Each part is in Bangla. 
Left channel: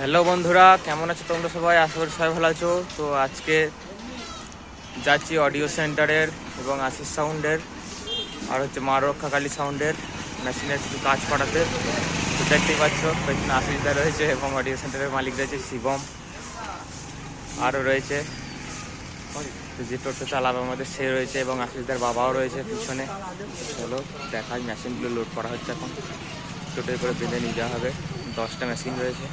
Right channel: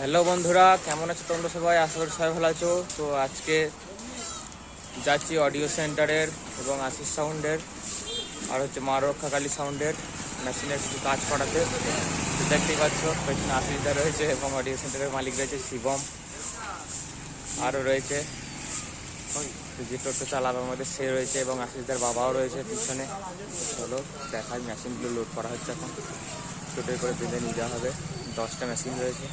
হ্যালো বন্ধুরা, কেমন আছো তোমরা সবাই? আশা করি সবাই ভালো আছো। তো আজকে যাচ্ছি অডিও সেন্টারের এবং আশিস সাউন্ডের আর হচ্ছে মা রক্ষাকালী সাউন্ডের মেশিনের কিছু কাজ করাতে। তো দেখতেই পাচ্ছ, পেছনে আশিসদা রয়েছে এবং অডিও সেন্টারের মালিক রয়েছে শিবম। আরও রয়েছে। তো যে টোটো চালাবে আমাদের, সে রয়েছে এবং আশিসদার বাবাও রয়েছে পিছনে। চলো, দেখাই মেশিনগুলো লোড করা হচ্ছে এখন। টোটোয় করে বেঁধে নিয়ে যাওয়া হবে। দশটা মেশিন রয়েছে।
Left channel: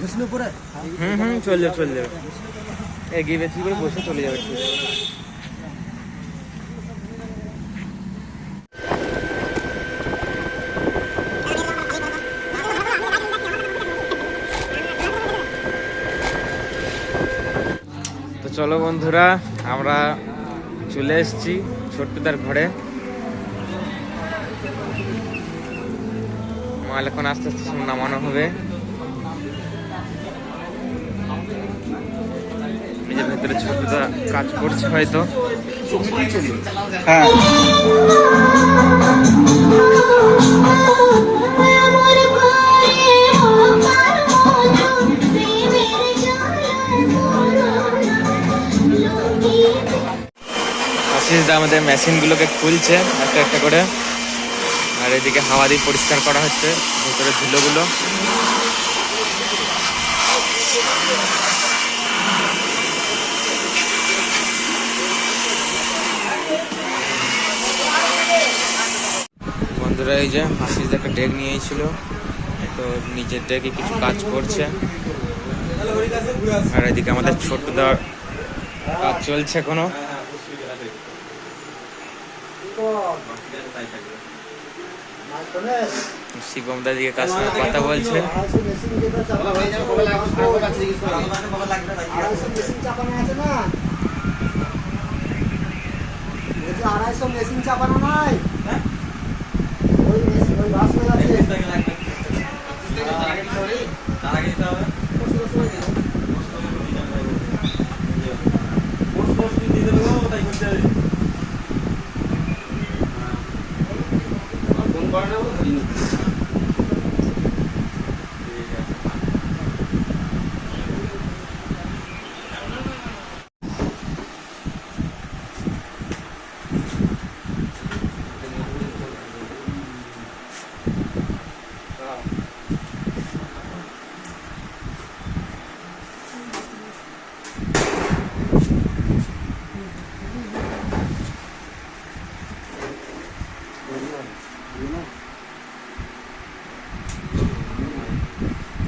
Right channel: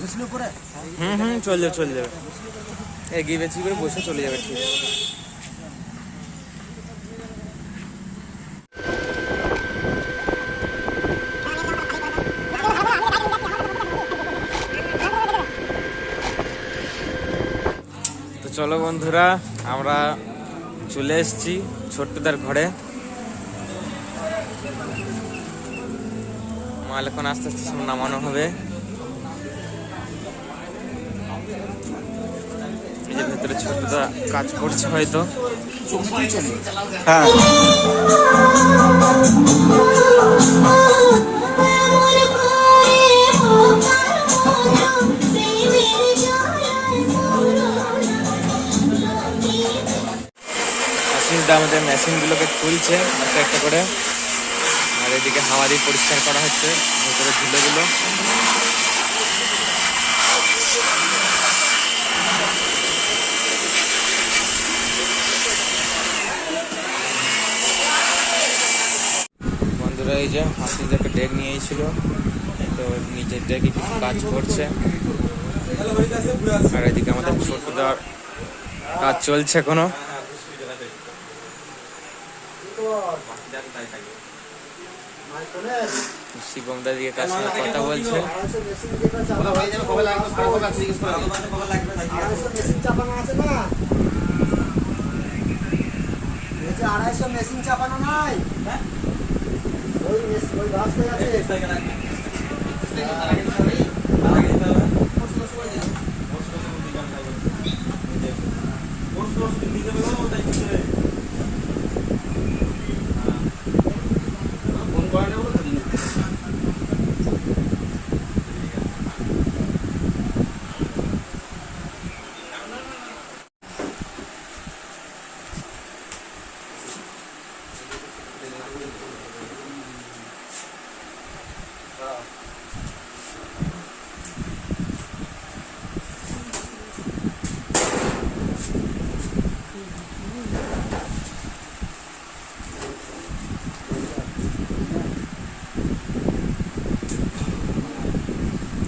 বিষ্ণুপুরে হুম হুম চলে যাবে চলে যাবে এগিয়ে বেশি করে বসে চলে যাবে ঠিক চলো বন্ধুরা, আমরা চলে এসেছি ছোট্টদার ঘরে। মাল এখন আস্তে আস্তে সব নামানো হবে। ভেতরে ছোটদা কাজ করছে হয়তো। আশিস দা আমাদের মেশিনগুলোকে খুলছে, একটা একটা করে। আর এদিকে হাওয়া দিয়ে পরিষ্কার করা হচ্ছে ভেতরে ধুলোগুলো। বন্ধুরা, এই যে হাসিস একটা ডেক নিয়েছিল তো নিজের ডেকে কিছু কাজ করছে। আর এদিকে আমাদের ছোটদার কাজ চলছে এখনও। শিবম দা দিকে কার সঙ্গে কথা বলছে আড়াইশো মেশিন চাপানো নয় ওই ওই বাস হয়ে আছে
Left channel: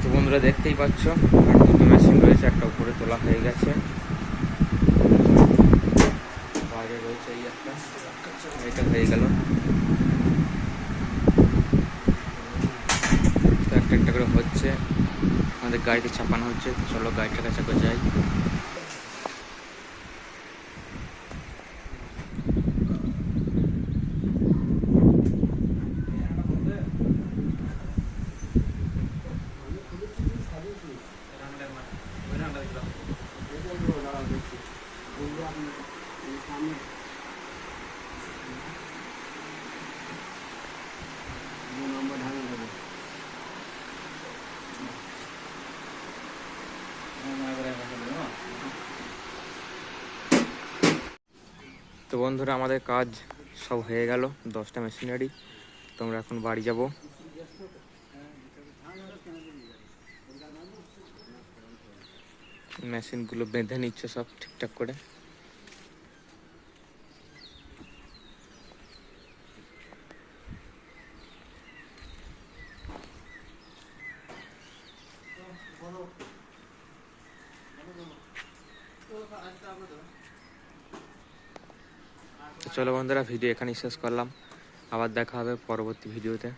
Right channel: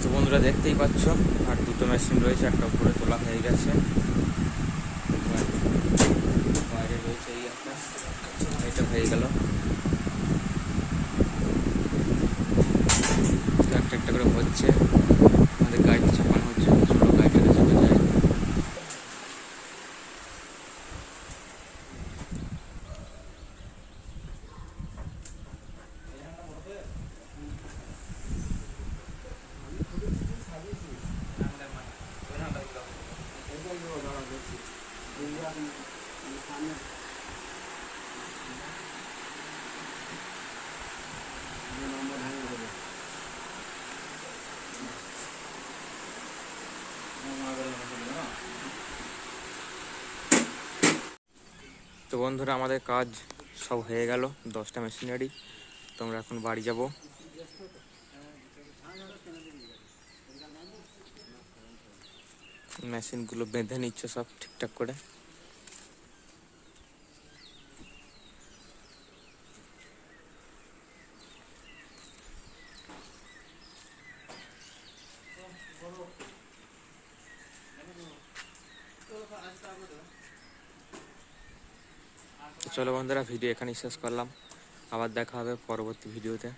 তো বন্ধুরা দেখতেই পাচ্ছ, আর দুটো মেশিন রয়েছে, একটা উপরে তোলা হয়ে গেছে। বাইরে রয়েছে এই একটা, এটা হয়ে গেল। একটা একটা করে হচ্ছে, আমাদের গাড়িতে চাপানো হচ্ছে চলো গাড়িটাকে তো বন্ধুরা, আমাদের কাজ সব হয়ে গেল। দশটা মেশিনারি তোমরা এখন বাড়ি যাব। মেশিনগুলো বেঁধে নিচ্ছে সব ঠিকঠাক করে। চলো বন্ধুরা ভিডিও এখানেই শেষ করলাম। আবার দেখা হবে পরবর্তী ভিডিওতে।